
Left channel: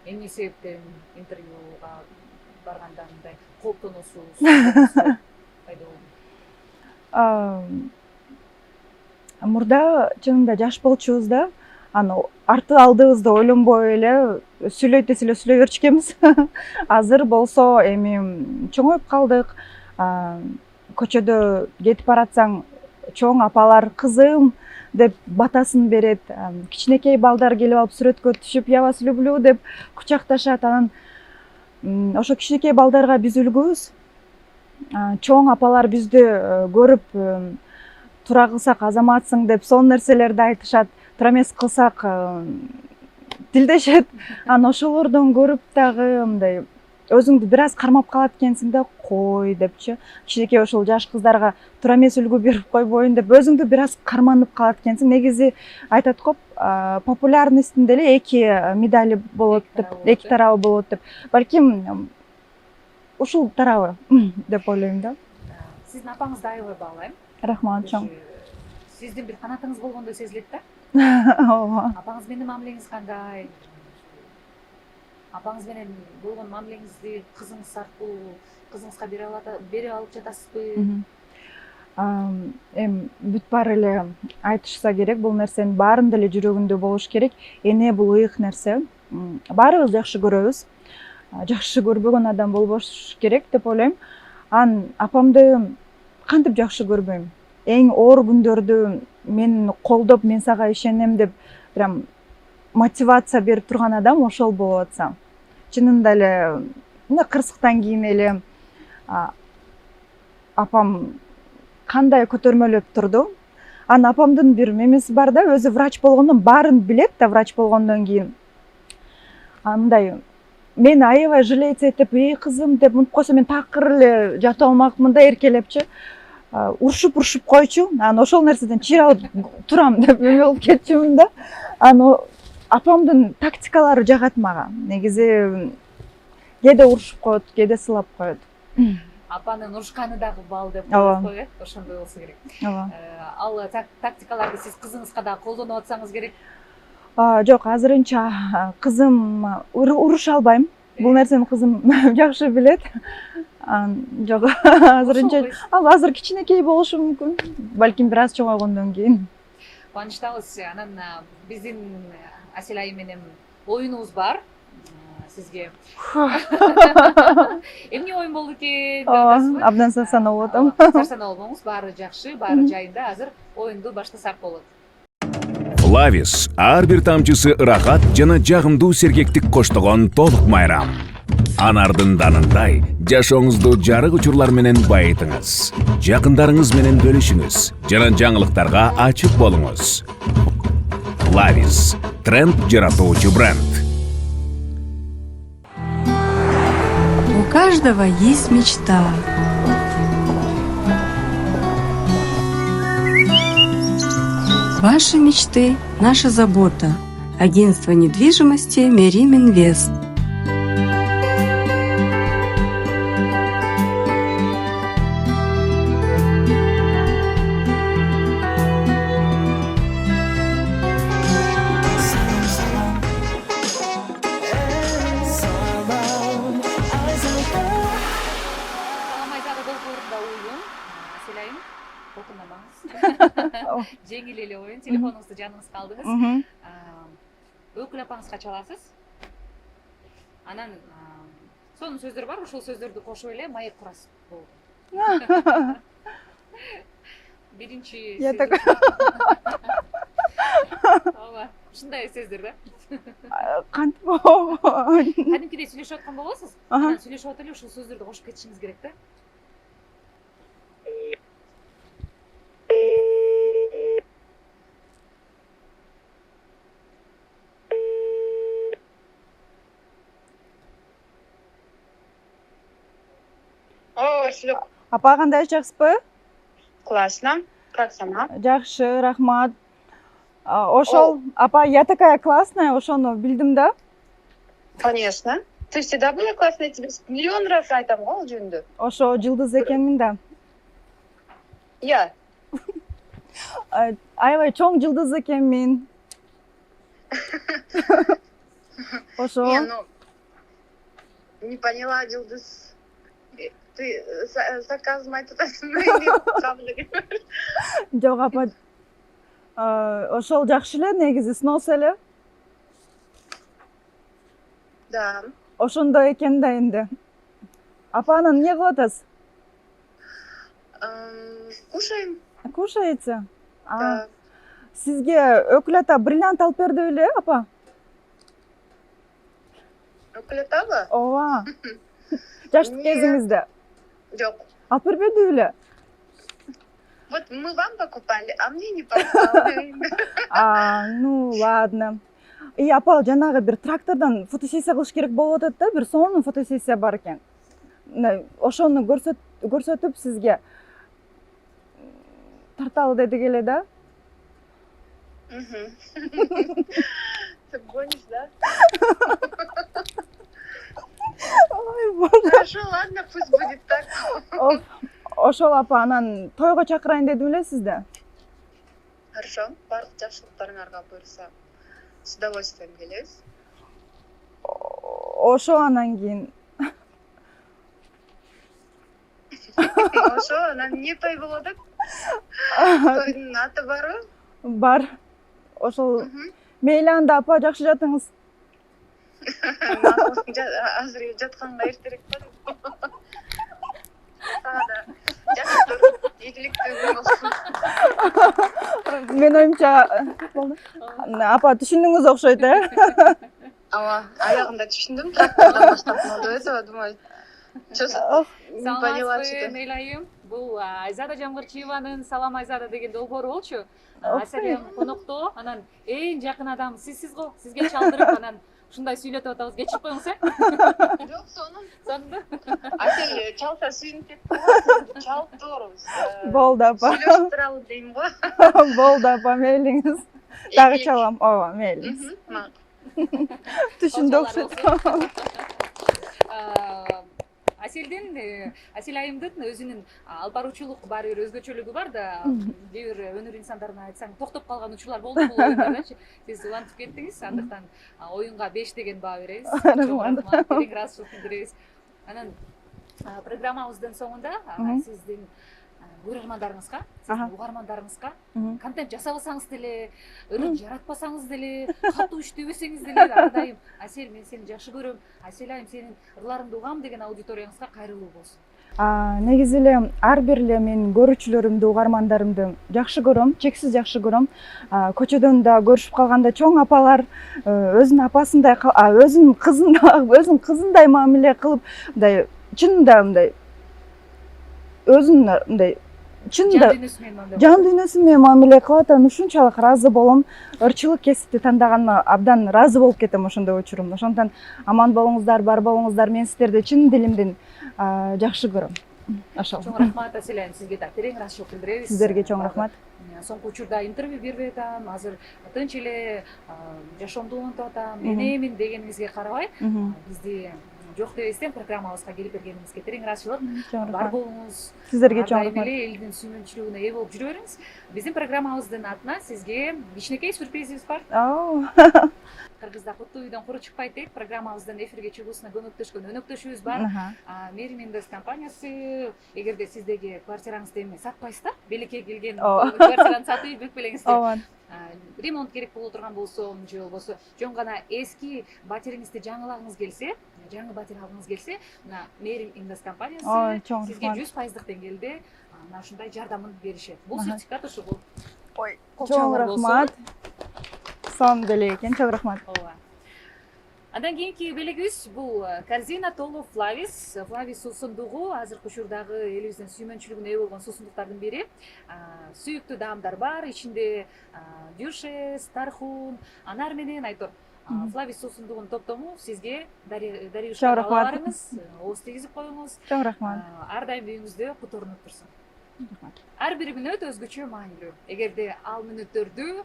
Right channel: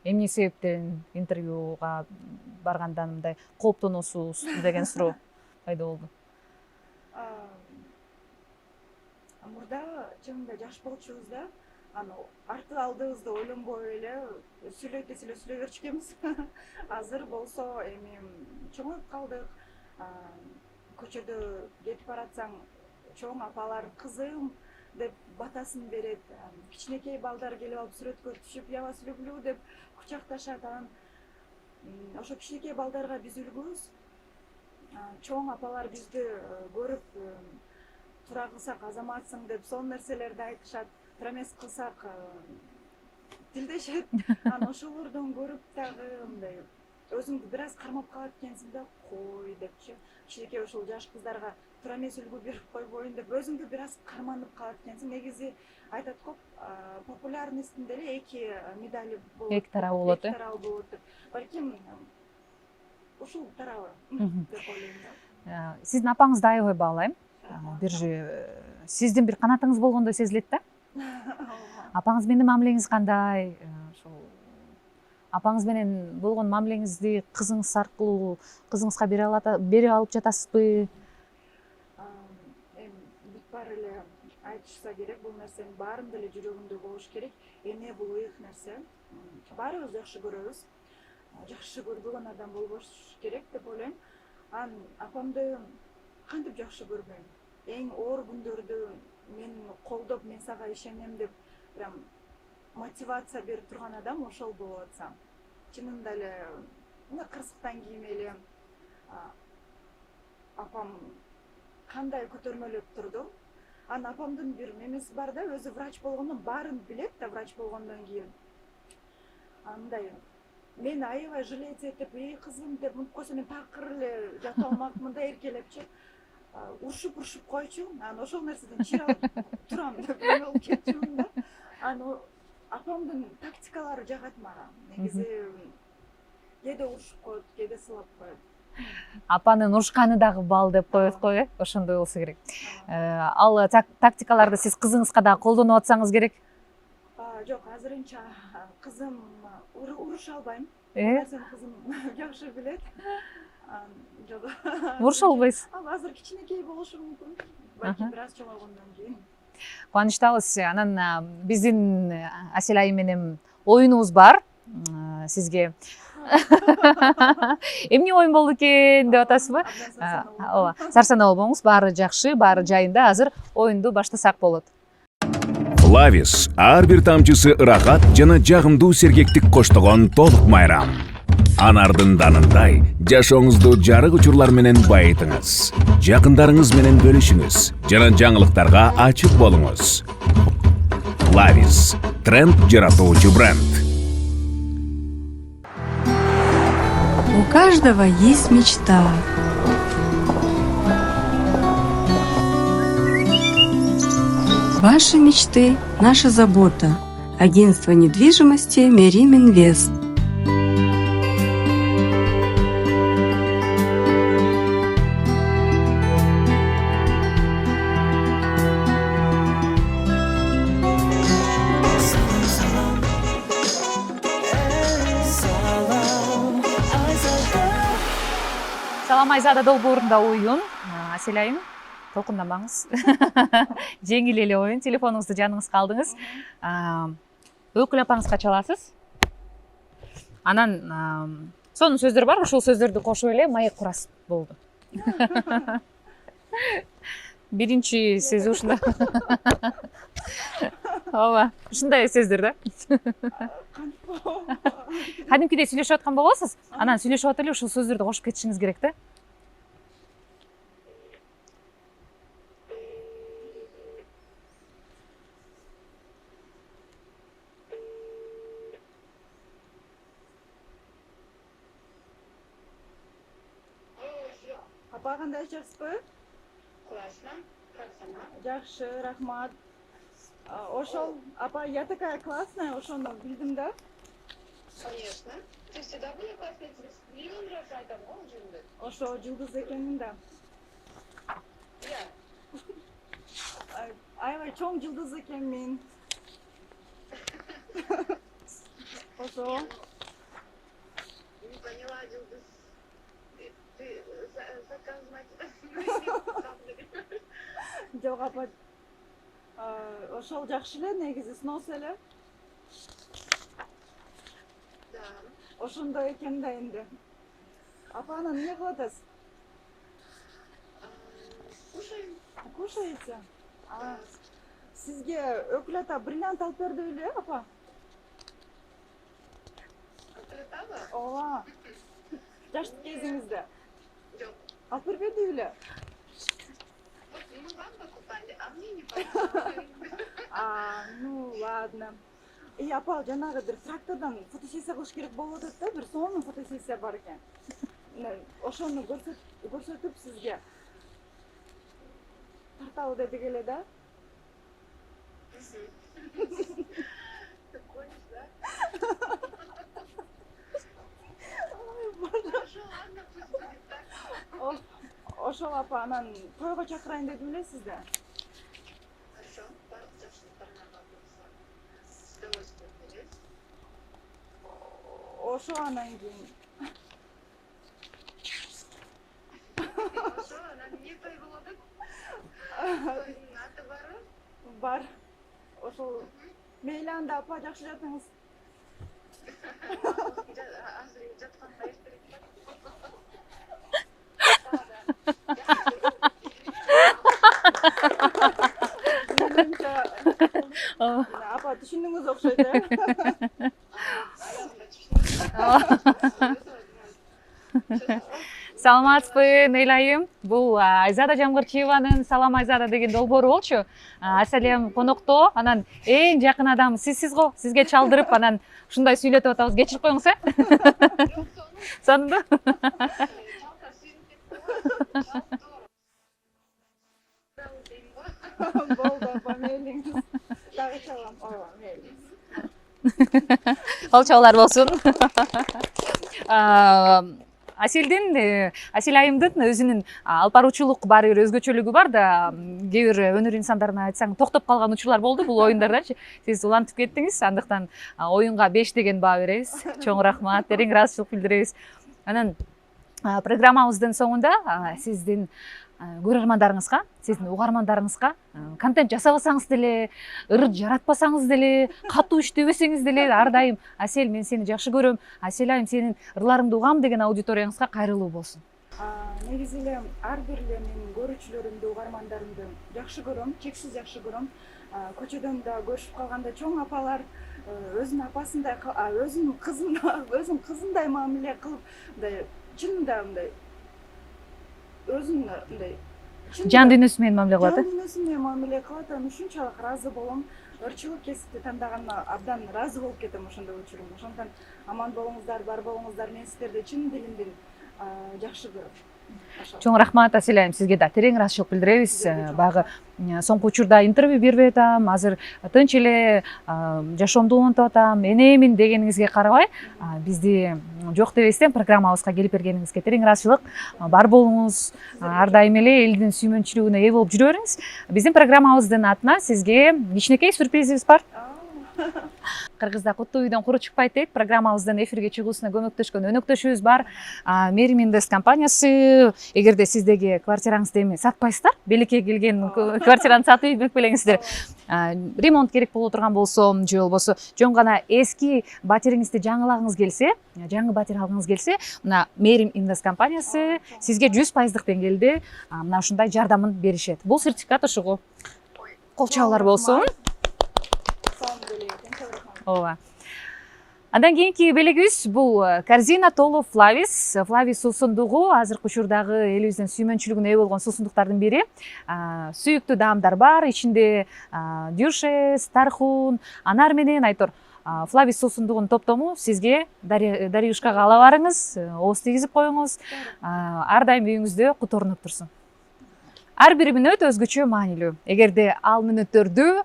эмне себептен интервьюга барганда мындай кооптоносуз деген суроо пайда болду. Мурда чынында жаш болчубуз да, арты алдыбызды ойлонбой эле сүйлөйт десе эле сүйлөй берчүкенбиз. Азыр болсо эми чоңоюп калдык. Көчөдө кетип баратсаң, чоң апалар кызым деп батасын берет. Кичинекей балдар келип алып сүрөткө түшүп, я вас люблю деп кучакташат. Анан ошо кичинекей балдарга биз үлгүбүз. Чоң апалар бизди көрүп тура кылсак азаматсың деп сонун нерселерди айтышат. Тура эмес кылсак тилдешет. Анан ошолордон көрүп дагы мындай өзүңдү бир аз кармап калат экенсиң да, кой депчи. Кичинекей ошол жаш кыздарга тура эмес үлгү берип койбоюн деп өзүңдү бир аз карманып калат экенсиң. Негизи айтат го, популярностьтун деле эки медали болот деп, эки тарабы болот деп. Балким ушул тарабы деп ойлойм да. Сиздин апаңызды аябай баалайм. Рахмат. Сиздин бир канатыңыз болгондой сезилет да. Ооба. Апаңыз менен мамилеңиз кандай? Апаңыз менен болгон мамилеңизди кызыңыз аркылуу кызыңызга бере алып жатасызбы? Эми бүт баары эле айтышса керек, бул нерсенин баарында эле жүрөгүндө болуш керек. Эне бул ыйык нерсе. Баарыбыз жакшы көрөбүз. Жакшы көрбөгөн адам болбош керек деп ойлойм. Апамды кантип жакшы көрбөйм? Эң оор күндөрдү мен колдоп, мен сага ишенем деп прям мотивация берип турган адам ошол болуп атса. Чынында эле кырсыктан кийин эле апам кандай көтөрмөлөп турду. Апамдын бир мемеси бар да, өзү врач болгондон баарын билет да, врач болгондон кийин. Мындай мени аябай жалеет этип, эй кызым деп мынтип койсо мен такыр эле жатып алмакмын да, эркелепчи. Урушуп койчу. Ошол нерседен чыйралып турам деп эме болуп кетчүмүн да. Апамдын тактикалары жагат мага. Негизи кээде урушуп коет, кээде сылап коет. Апанын урушканы дагы бал деп коет го, ошондой болсо керек. Ал тактикаларды сиз кызыңызга дагы колдонуп атсаңыз керек. Жок, азырынча кызым уруша албайм. Бул нерсени кызым жакшы билет. Жок, азырынча азыр кичинекей болушу мүмкүн. Балким бир аз чоңойгондон кийин. Кубанычтабыз. Анан биздин Асель айым менен оюнубуз бар сизге. Эмне оюн болду экен деп атасызбы? Абдан сарсанаа болуп атам. Сарсанаа болбоңуз, баары жакшы, баары жайында. Азыр оюнду баштасак болот. Флавис ар бир тамчысы ырахат жана жагымдуу сергектик коштогон толук майрам. Анардын данындай жашооңузду жарык учурлар менен байытыңыз. Жакындарыңыз менен бөлүшүңүз жана жаңылыктарга ачык болуңуз. Флавис тренд жаратуучу бренд. У каждого есть мечта. Ваши мечты – наша забота. Агентство недвижимости Мерим Инвест. Салам Айзада долбоорунда оюн. Асель айым, толкундамаңыз. Жеңил эле оюн. Телефонуңузду жаныңызга алдыңыз. Өкүл апаңызга чаласыз. Анан сонун сөздөр бар, ошол сөздөрдү кошуп эле маек курасыз болду. Биринчи сөз ушул. Ооба, ушундай сөздөр да. Кантип? Кадимкидей сүйлөшүп аткан болосуз. Анан сүйлөшүп атып эле ушул сөздөрдү кошуп кетишиңиз керек да. Апа, кандай жакшысызбы? Классно. Как сама? Жакшы, рахмат. Ошол апа, я такая классная, ошону билдим да. Конечно. Ты всегда была классная, я тебе миллион раз айтам ғой ол жөнүндө. Ошо жылдыз экенмин да. Я. Аябай чоң жылдыз экенмин. Ошо. Не, ну, не поняла, Жылдыз. Ты сарказм айтып атасың или кабыл эле? Жок апа. Ошол жакшы эле, негизи сноус эле. Да. Ошондой экен да энди. Апа, анан эмне кылып атасыз? Кушаем. Кушаете? Да. Сизге Өкүл ата бриллиант алып берди беле, апа? Өкүл атабы? Ооба. Жаштык Нет. кезиңизде Жок. алып бербеди беле? Вот мы вам покупали, а мне не покупали. Ну ладно. Апа, жанагы бир трактордон фотосессия кылыш керек болуп атат да, бир сонун фотосессия бар экен. Ошону көрсөтүп сизге тарталы дедик эле да. Ты гонишь, да? Ой, боже. Хорошо, ладно, пусть будет так. Ошол апа, анан тойго чакырайын дедим эле сизди. Хорошо, барлык жакшылыктарыңарга буюрса, с удовольствием келебиз. Ошо анан кийин. Ошо, анан эмне той болуп атат? Тойдун аты барбы? Бар. Ошол мейли анда апа, жакшы жатыңыз. Азыр жатканга эртерээк ба? Жакшы тур, ийгиликтүү болсун. Мен оюмча апа түшүндүңүз окшойт, Ооба, аягында түшүндүм. Этого думаю. Саламатсызбы, Нейла айым. Бул Айзада Жамгырчиеванын Салам Айзада деген долбоору болчу. Аселем конокто, анан эң жакын адам сизсиз го. Сизге чалдырып, анан ушундай сүйлөтүп атабыз. Кечирип коюңуз, Жок, сонун. Сонунду. Асел чалса сүйүнүп кетти. Чалып турабыз. болду апа. Сүйлөшүп туралы дейм го. Болду апа, мейлиңиз. Дагы чалам. Ооба, мейлиңиз. Алчалар болсун. Асел айымдын өзүнүн алып баруучулук баары бир өзгөчөлүгү бар да, кээ бир өнөр инсандарына айтсаң токтоп калган учурлар болду бул оюндардачы. Сиз улантып кеттиңиз, андыктан оюнга 5 деген баа беребиз. Чоң рахмат, терең ыраазычылык билдиребиз. Анан программабыздын соңунда сиздин көрөрмандарыңызга, сиздин угармандарыңызга контент жасабасаңыз деле, ырын жаратпасаңыз деле, катуу иштебесеңиз деле ар дайым Асел, мен сени жакшы көрөм, Асел айым сенин ырларыңды угам деген аудиторияңызга кайрылуу болсун. Негизи эле ар бир эле менин көрүүчүлөрүмдү, угармандарымды жакшы көрөм, чексиз жакшы көрөм. Көчөдөн да көрүшүп калганда чоң апалар өзүнүн апасындай, өзүнүн кызындай мамиле кылып, мындай чынында мындай өзүнүн мындай Жан дүйнөсү менен мамиле кылат. Жан дүйнөсү менен мамиле кылат, анан ушунчалык ыраазы болом. Ырчылык кесипти тандаганыма абдан ыраазы болуп кетем ошондой учурумда. Ошондон аман болуңуздар, бар болуңуздар. Мен сиздерди чын дилимден жакшы көрөм. Чоң рахмат Асел айым, сизге да терең ыраазычылык билдиребиз. Сиздерге чоң рахмат. Соңку учурда интервью бербей атам, азыр тынч эле жашоомду улантып атам, энемин дегениңизге карабай, бизди жок дебестен программабызга келип бергениңизге терең ыраазычылык. Бар болуңуз, ар дайым эле элдин сүймөнчүлүгүнө ээ болуп жүрө бериңиз. Биздин программабыздын атына сизге кичинекей сюрпризибиз бар. Кыргызда куттуу үйдөн куру чыкпайт дейт. Программабыздын эфирге чыгуусуна көмөктөшкөн өнөктөшүбүз бар. Мерим Инвест компаниясы, эгерде сиздеги квартираңызды эми сатпайсыздар, белекке келген квартираны сатып үйдүк белеңиздер. Ремонт керек боло турган болсо, же болбосо жөн гана эски батириңизди жаңылагыңыз келсе, жаңы батир алгыңыз келсе, мына Мерим Инвест компаниясы сизге 100% деңгээлде мына ушундай жардамын беришет. Бул сертификат ушугу. Кол чабуулар болсун. Сонун деле экен, чоң рахмат. Ооба. Андан кийинки белегибиз бул корзина толу Флавис. Флавис суусундугу азыркы учурдагы элибиздин сүймөнчүлүгүнө ээ болгон суусундуктардын бири. Сүйүктүү даамдар бар, ичинде дюшес, тархун, анар менен айтор. Флавис суусундугунун топтому сизге дарыюшкага ала барыңыз, ооз тийгизип коюңуз. Ар дайым үйүңүздө куторунуп турсун. Ар бир мүнөт өзгөчө маанилүү. Эгерде ал мүнөттөрдү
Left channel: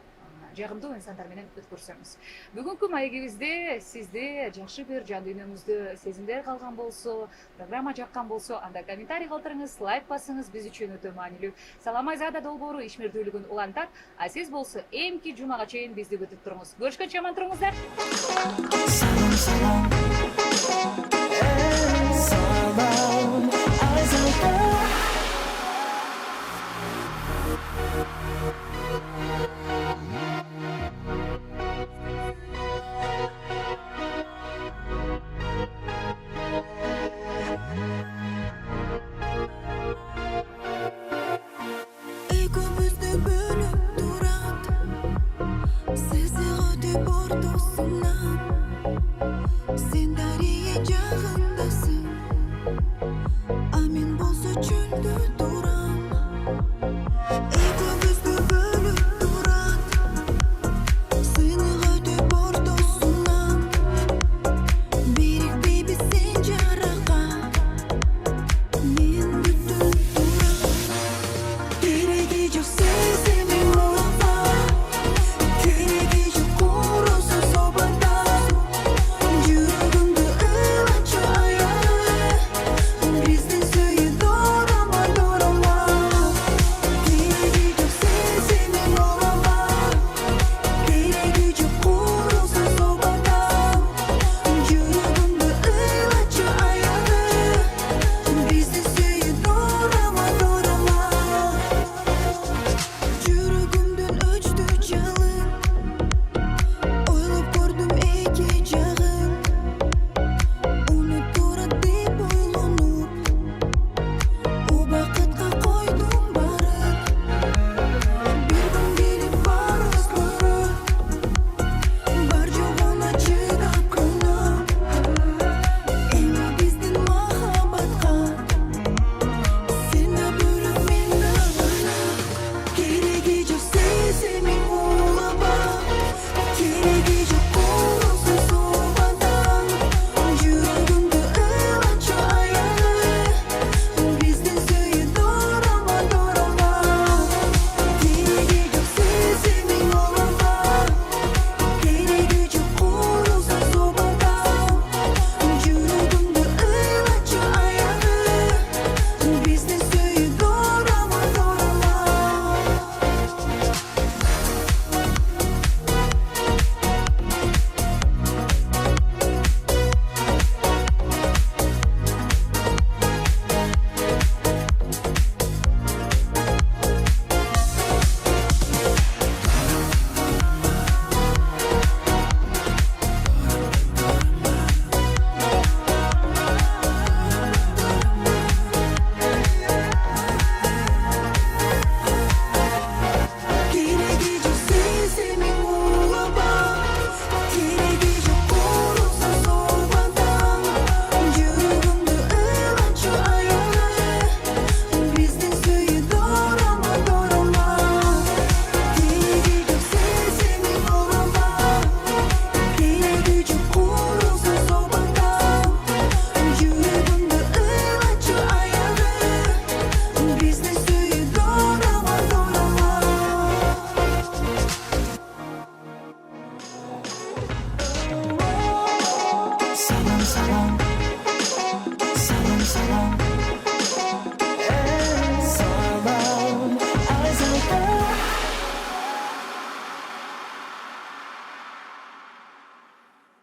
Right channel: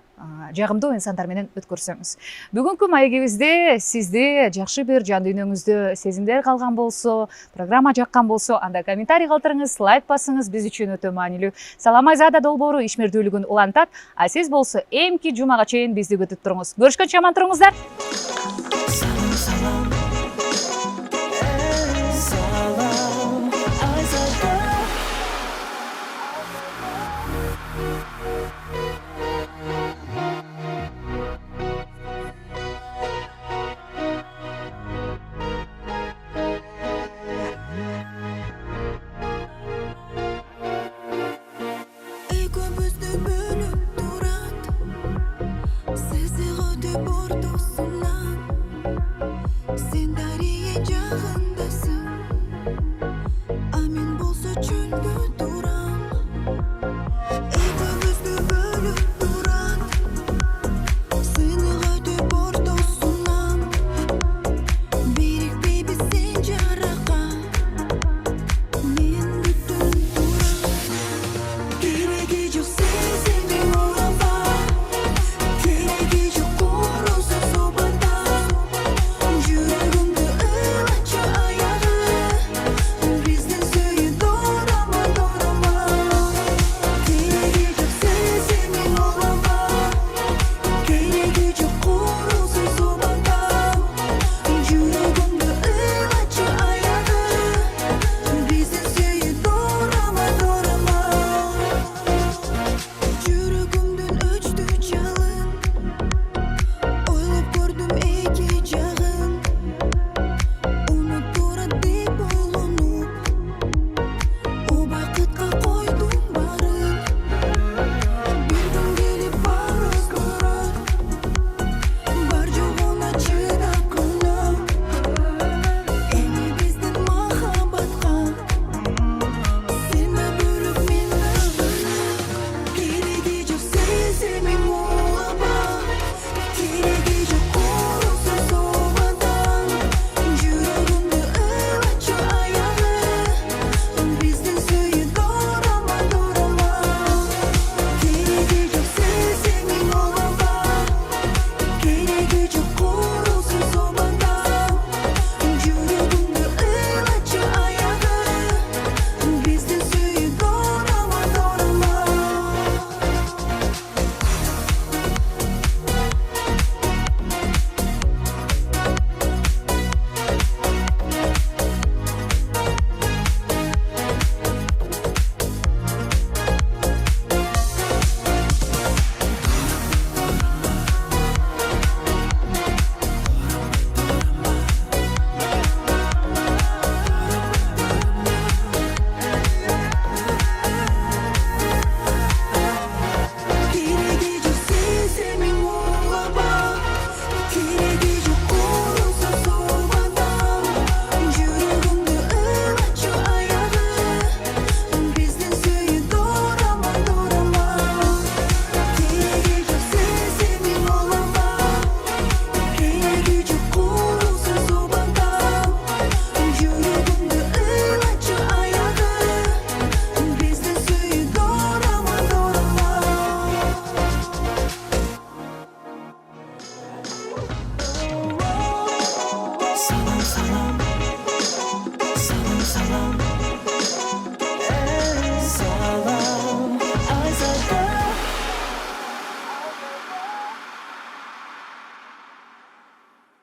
жагымдуу инсандар менен өткөрсөңүз. Бүгүнкү маегибизде сизди жакшы бир жан дүйнөңүздө сезимдер калган болсо, программа жаккан болсо, анда комментарий калтырыңыз, лайк басыңыз, биз үчүн өтө маанилүү. Салам Айзада долбоору ишмердүүлүгүн улантат, а сиз болсо эмки жумага чейин бизди күтүп туруңуз. Көрүшкөнчө аман туруңуздар.